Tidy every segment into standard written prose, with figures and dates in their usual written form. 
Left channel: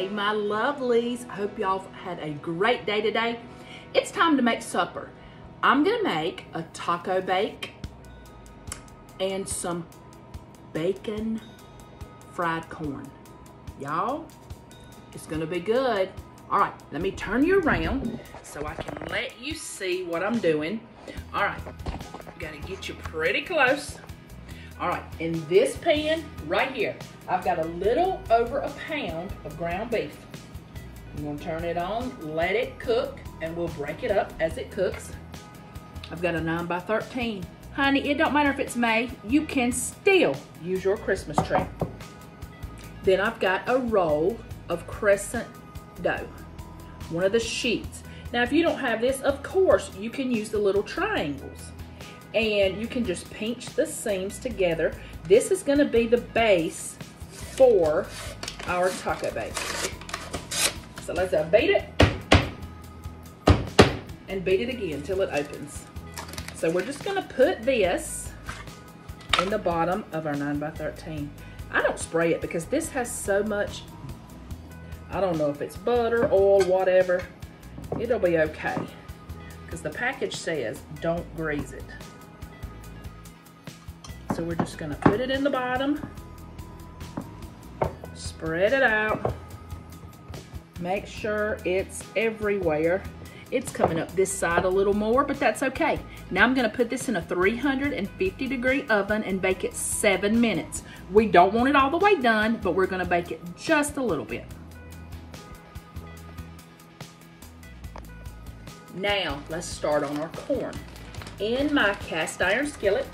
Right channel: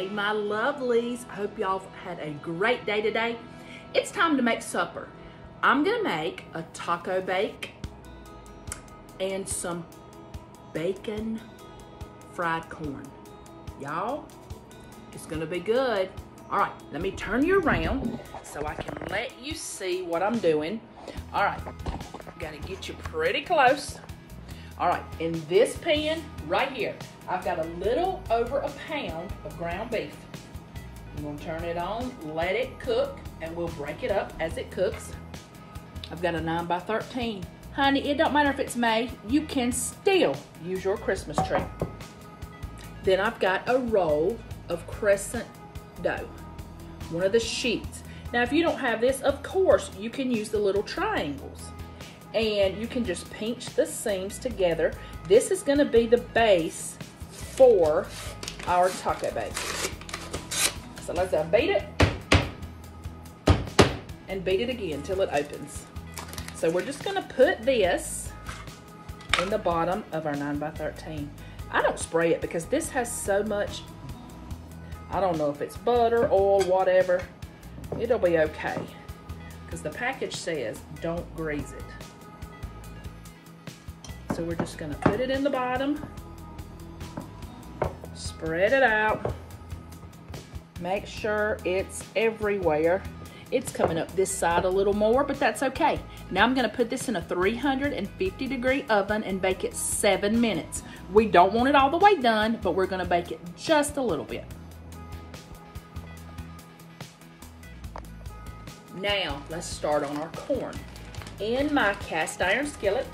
Hey, my lovelies. I hope y'all had a great day today. It's time to make supper. I'm gonna make a taco bake and some bacon fried corn. Y'all, it's gonna be good. All right, let me turn you around so I can let you see what I'm doing. All right, gotta get you pretty close. All right, in this pan right here, I've got a little over a pound of ground beef. I'm gonna turn it on, let it cook, and we'll break it up as it cooks. I've got a 9x13. Honey, it don't matter if it's May, you can still use your Christmas tree. Then I've got a roll of crescent dough, one of the sheets. Now, if you don't have this, of course, you can use the little triangles. And you can just pinch the seams together. This is gonna be the base for our taco bake. So let's beat it and beat it again until it opens. So we're just gonna put this in the bottom of our 9x13. I don't spray it because this has so much, I don't know if it's butter, oil, whatever. It'll be okay because the package says don't grease it. So we're just gonna put it in the bottom, spread it out, make sure it's everywhere. It's coming up this side a little more, but that's okay. Now I'm gonna put this in a 350-degree oven and bake it 7 minutes. We don't want it all the way done, but we're gonna bake it just a little bit. Now, let's start on our corn. In my cast iron skillet,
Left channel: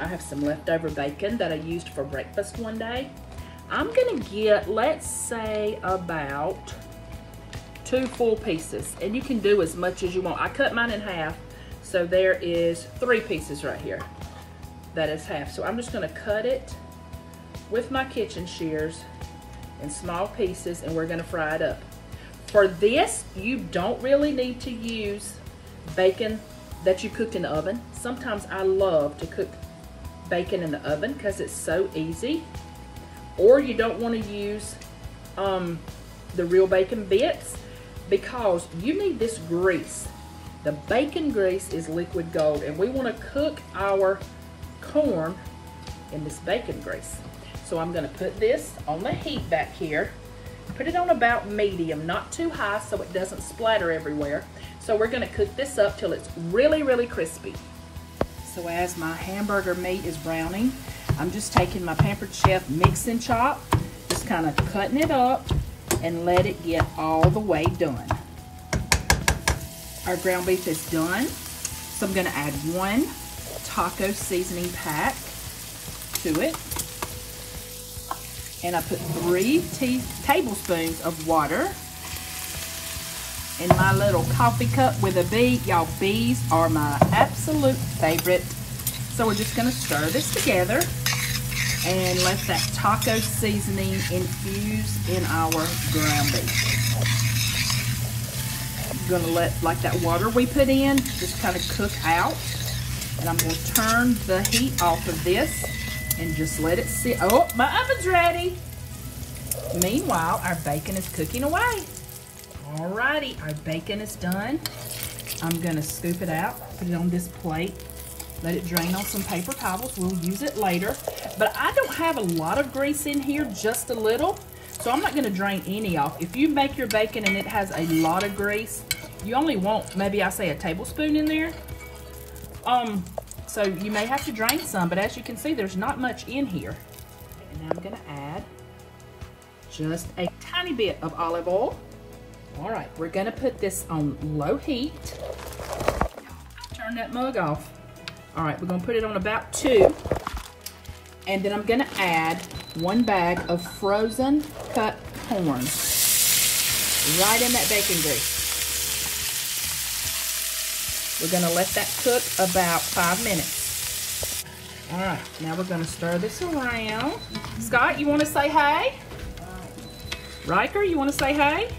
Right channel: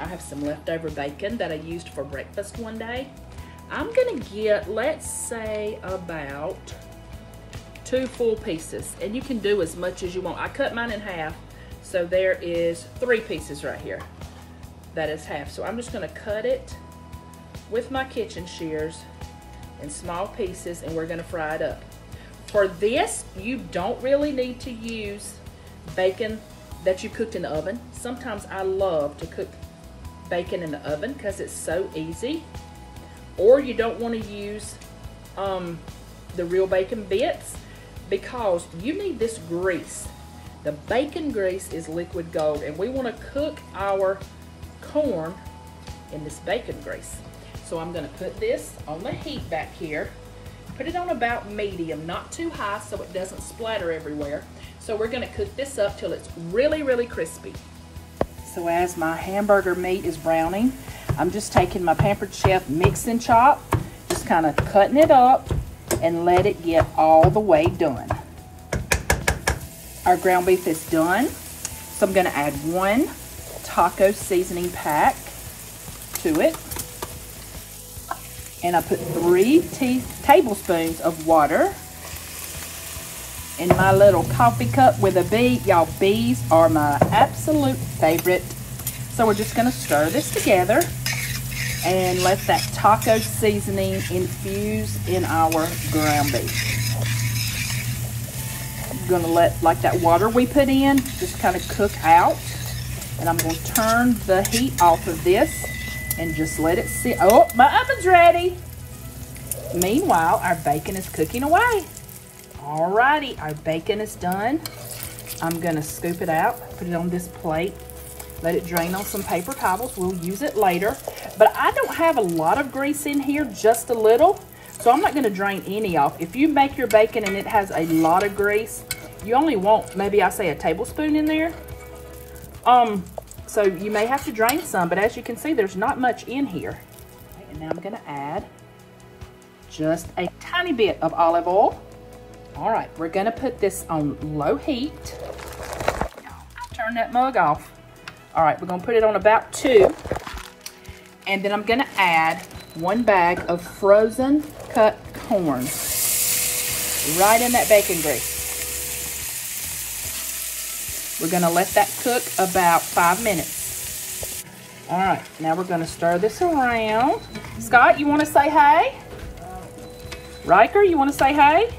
I have some leftover bacon that I used for breakfast one day. I'm gonna get, let's say, about 2 full pieces, and you can do as much as you want. I cut mine in half, so there is 3 pieces right here. That is half. So I'm just gonna cut it with my kitchen shears in small pieces, and we're gonna fry it up. For this, you don't really need to use bacon that you cooked in the oven. Sometimes I love to cook bacon in the oven because it's so easy. Or you don't want to use the real bacon bits because you need this grease. The bacon grease is liquid gold, and we want to cook our corn in this bacon grease. So I'm going to put this on the heat back here. Put it on about medium, not too high so it doesn't splatter everywhere. So we're going to cook this up till it's really, really crispy. So as my hamburger meat is browning, I'm just taking my Pampered Chef mix and chop, just kind of cutting it up and let it get all the way done. Our ground beef is done. So I'm gonna add 1 taco seasoning pack to it. And I put 3 tablespoons of water in my little coffee cup with a bee. Y'all, bees are my absolute favorite. So we're just gonna stir this together and let that taco seasoning infuse in our ground beef. I'm gonna let like that water we put in just kind of cook out. And I'm gonna turn the heat off of this and just let it sit. Oh, my oven's ready. Meanwhile, our bacon is cooking away. Alrighty, our bacon is done. I'm gonna scoop it out, put it on this plate, let it drain on some paper towels. We'll use it later. But I don't have a lot of grease in here, just a little. So I'm not gonna drain any off. If you make your bacon and it has a lot of grease, you only want, maybe I say a tablespoon in there. So you may have to drain some, but as you can see, there's not much in here. And now I'm gonna add just a tiny bit of olive oil. All right, we're gonna put this on low heat. Turn that mug off. All right, we're gonna put it on about 2. And then I'm gonna add 1 bag of frozen cut corn right in that bacon grease. We're gonna let that cook about 5 minutes. All right, now we're gonna stir this around. Scott, you wanna say hey? Riker, you wanna say hey?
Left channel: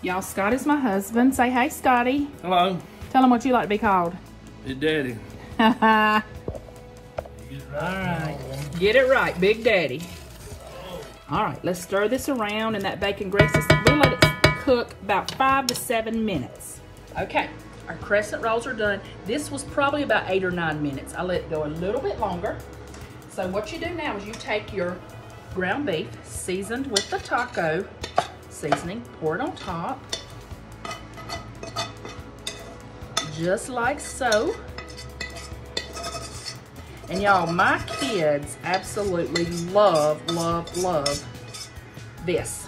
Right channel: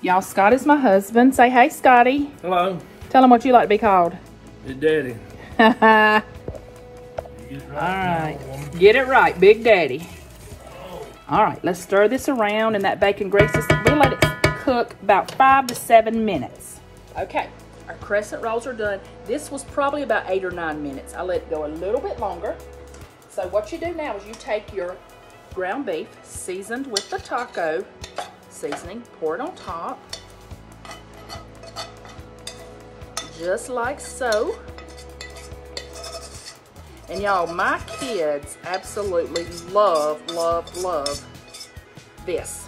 Y'all, Scott is my husband. Say hey, Scotty. Hello. Tell him what you like to be called. Hey, Daddy. All right. Get it right, Big Daddy. All right, let's stir this around and that bacon greases. We let it cook about 5 to 7 minutes. Okay, our crescent rolls are done. This was probably about 8 or 9 minutes. I let it go a little bit longer. So what you do now is you take your ground beef seasoned with the taco seasoning, pour it on top, just like so. And y'all, my kids absolutely love, love, love this.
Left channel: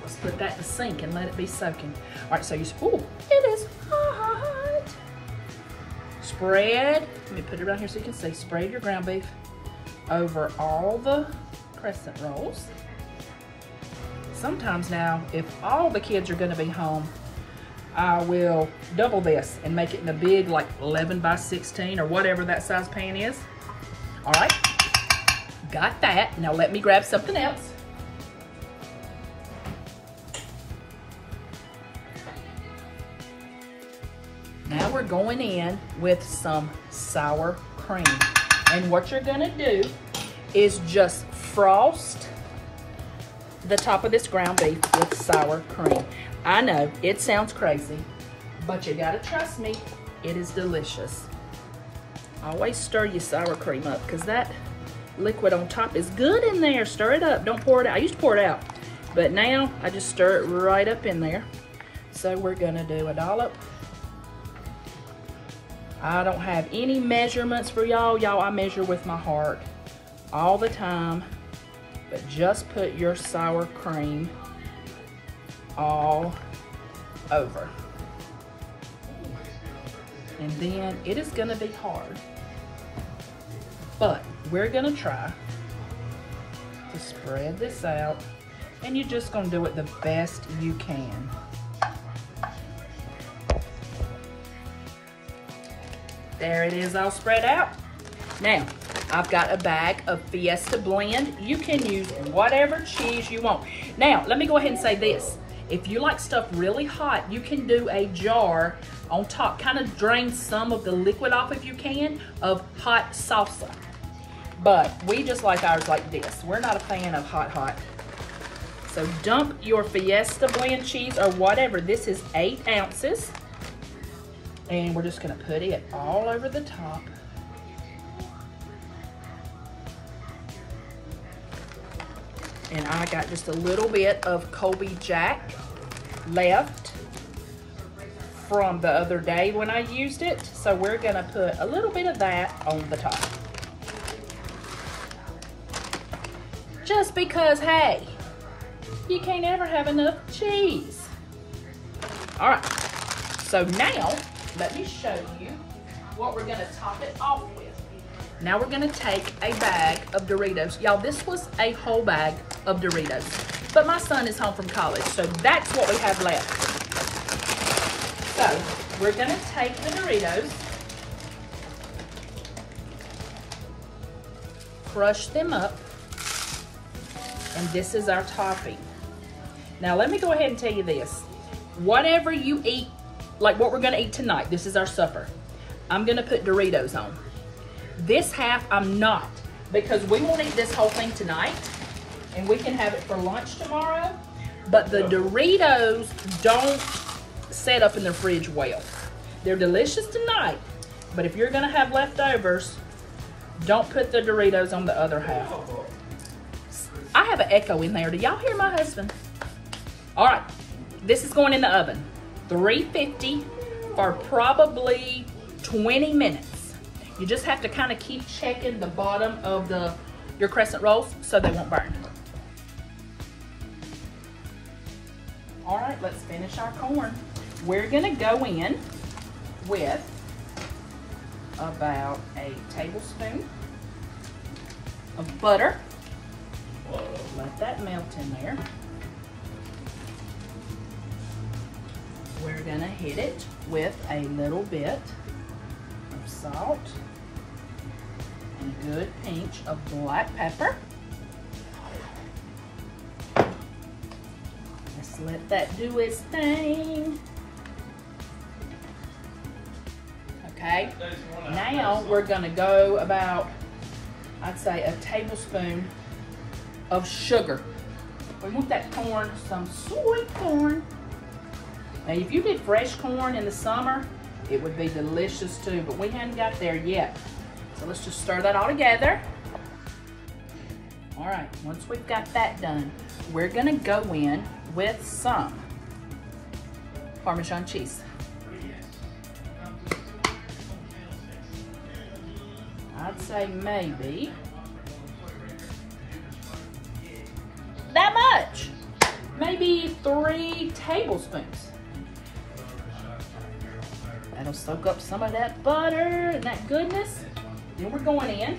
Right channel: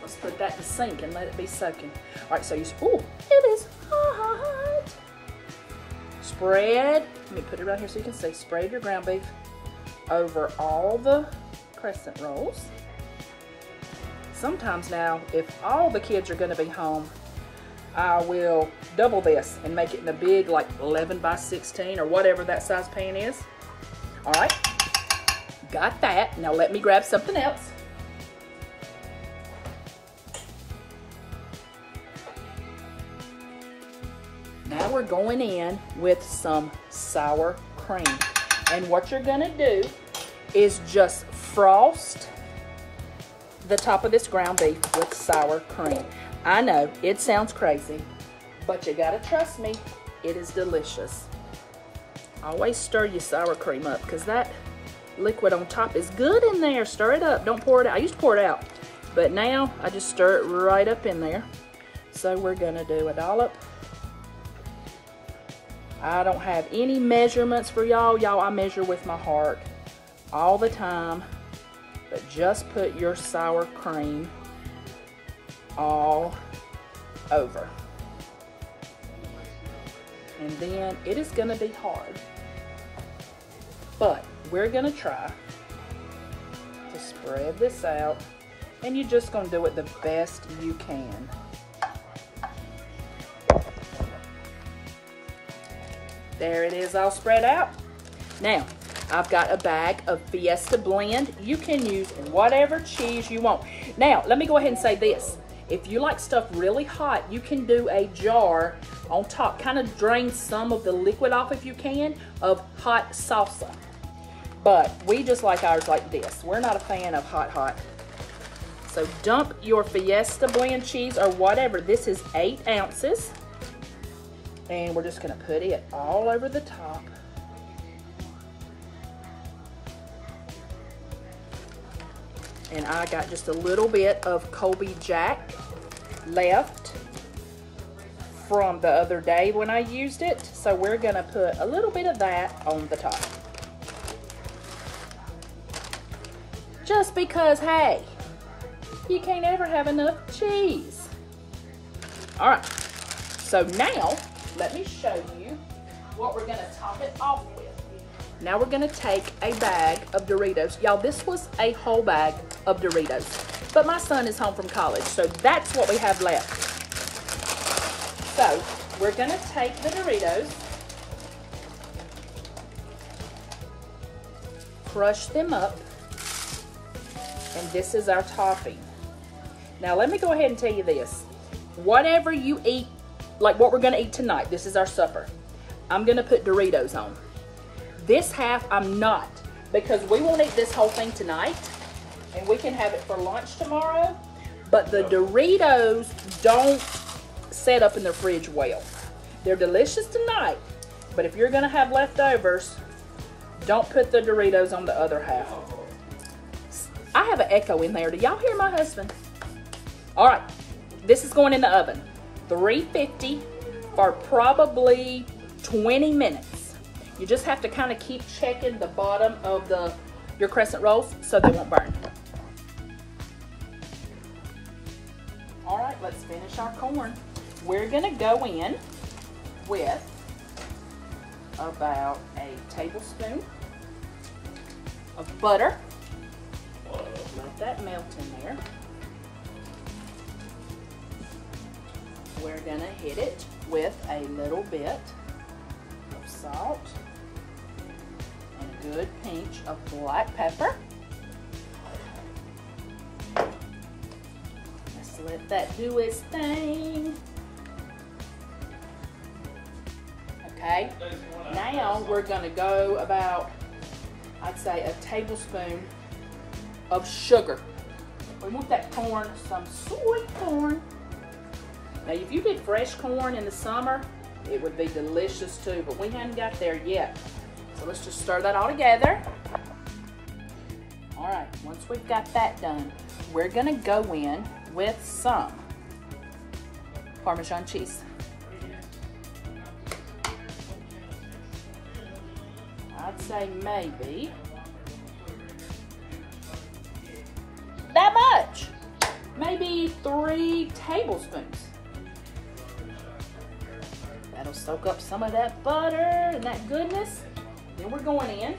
Let's put that in the sink and let it be soaking. All right, so you, ooh, it is hot. Spread, let me put it right here so you can see, spread your ground beef over all the crescent rolls. Sometimes now, if all the kids are gonna be home, I will double this and make it in a big, like 11 by 16 or whatever that size pan is. All right, got that. Now let me grab something else. Now we're going in with some sour cream. And what you're gonna do is just frost the top of this ground beef with sour cream. I know, it sounds crazy, but you gotta trust me, it is delicious. Always stir your sour cream up because that liquid on top is good in there. Stir it up, don't pour it out. I used to pour it out, but now I just stir it right up in there. So we're gonna do a dollop. I don't have any measurements for y'all. Y'all, I measure with my heart all the time, but just put your sour cream all over. And then it is gonna be hard, but we're gonna try to spread this out, and you're just gonna do it the best you can. There it is, all spread out. Now, I've got a bag of Fiesta Blend. You can use whatever cheese you want. Now, let me go ahead and say this. If you like stuff really hot, you can do a jar on top, kind of drain some of the liquid off if you can, of hot salsa. But we just like ours like this. We're not a fan of hot. So dump your Fiesta Blend cheese or whatever. This is 8 ounces. And we're just gonna put it all over the top. And I got just a little bit of Colby Jack left from the other day when I used it. So we're gonna put a little bit of that on the top. Just because, hey, you can't ever have enough cheese. All right, so now let me show you what we're gonna top it off with. Now we're gonna take a bag of Doritos. Y'all, this was a whole bag of Doritos. But my son is home from college, so that's what we have left. So we're gonna take the Doritos, crush them up, and this is our topping. Now let me go ahead and tell you this. Whatever you eat, like what we're gonna eat tonight, this is our supper. I'm gonna put Doritos on. This half I'm not, because we won't eat this whole thing tonight, and we can have it for lunch tomorrow, but the Doritos don't set up in the fridge well. They're delicious tonight, but if you're gonna have leftovers, don't put the Doritos on the other half. I have an echo in there. Do y'all hear my husband? All right, this is going in the oven. 350 for probably 20 minutes. You just have to kind of keep checking the bottom of your crescent rolls so they won't burn. All right, let's finish our corn. We're gonna go in with about a tablespoon of butter. Let that melt in there. We're gonna hit it with a little bit of salt and a good pinch of black pepper. Let's let that do its thing. Okay, now we're gonna go about, I'd say, a tablespoon of sugar. We want that corn, some sweet corn. Now, if you did fresh corn in the summer, it would be delicious too, but we haven't got there yet. So let's just stir that all together. All right, once we've got that done, we're gonna go in with some Parmesan cheese. I'd say maybe that much. Maybe 3 tablespoons. That'll soak up some of that butter and that goodness. Then we're going in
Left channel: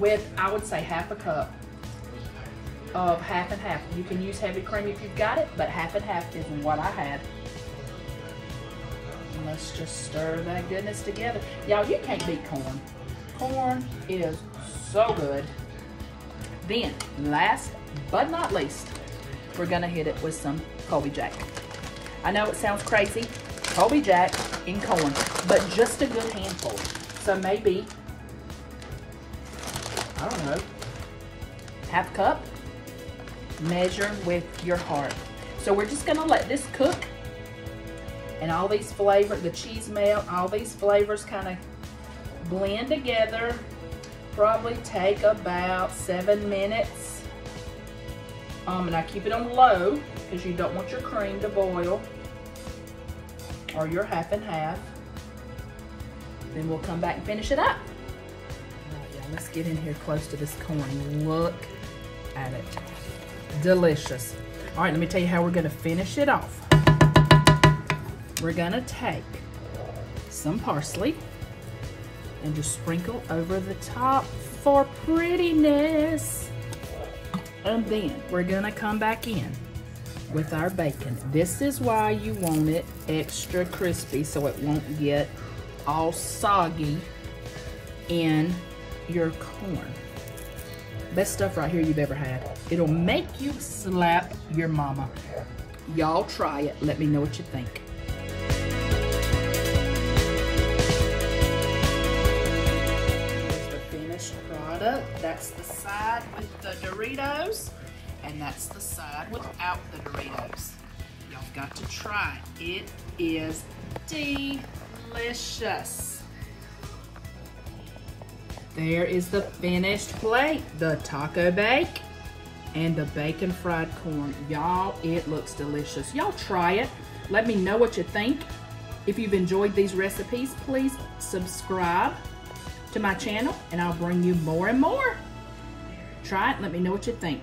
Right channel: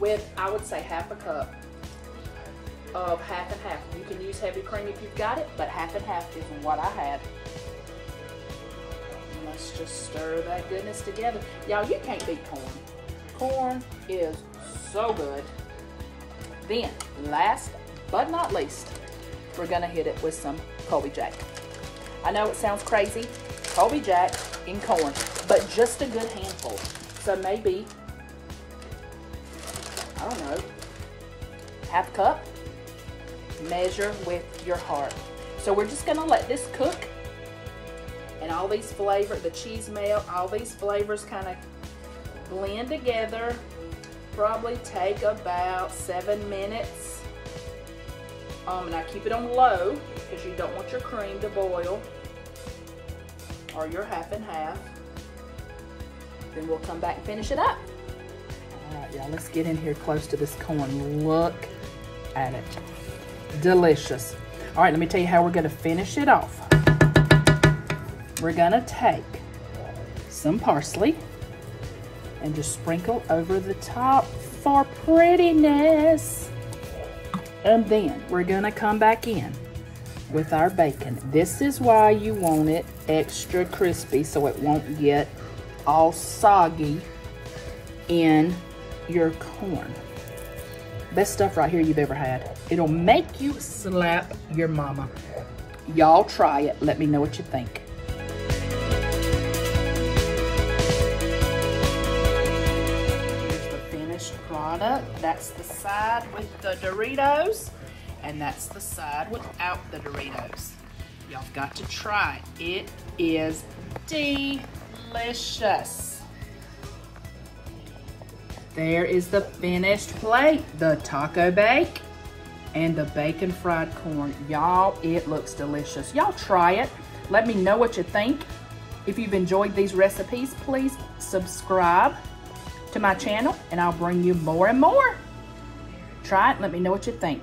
with, I would say, half a cup of half and half. You can use heavy cream if you've got it, but half and half is what I had. And let's just stir that goodness together. Y'all, you can't beat corn. Corn is so good. Then, last but not least, we're gonna hit it with some Colby Jack. I know it sounds crazy, Colby Jack in corn, but just a good handful. So maybe, I don't know, half a cup. Measure with your heart. So we're just gonna let this cook, and all these flavors, the cheese melt, all these flavors kind of blend together. Probably take about 7 minutes. And I keep it on low because you don't want your cream to boil, or your half and half. Then we'll come back and finish it up. All right, y'all, let's get in here close to this corn. Look at it. Delicious. All right, let me tell you how we're gonna finish it off. We're gonna take some parsley and just sprinkle over the top for prettiness. And then we're gonna come back in with our bacon. This is why you want it extra crispy, so it won't get all soggy in your corn. Best stuff right here you've ever had. It'll make you slap your mama. Y'all try it. Let me know what you think. Here's the finished product. That's the side with the Doritos, and that's the side without the Doritos. Y'all got to try it. It is delicious. There is the finished plate, the taco bake and the bacon fried corn. Y'all, it looks delicious. Y'all try it. Let me know what you think. If you've enjoyed these recipes, please subscribe to my channel and I'll bring you more and more. Try it, let me know what you think.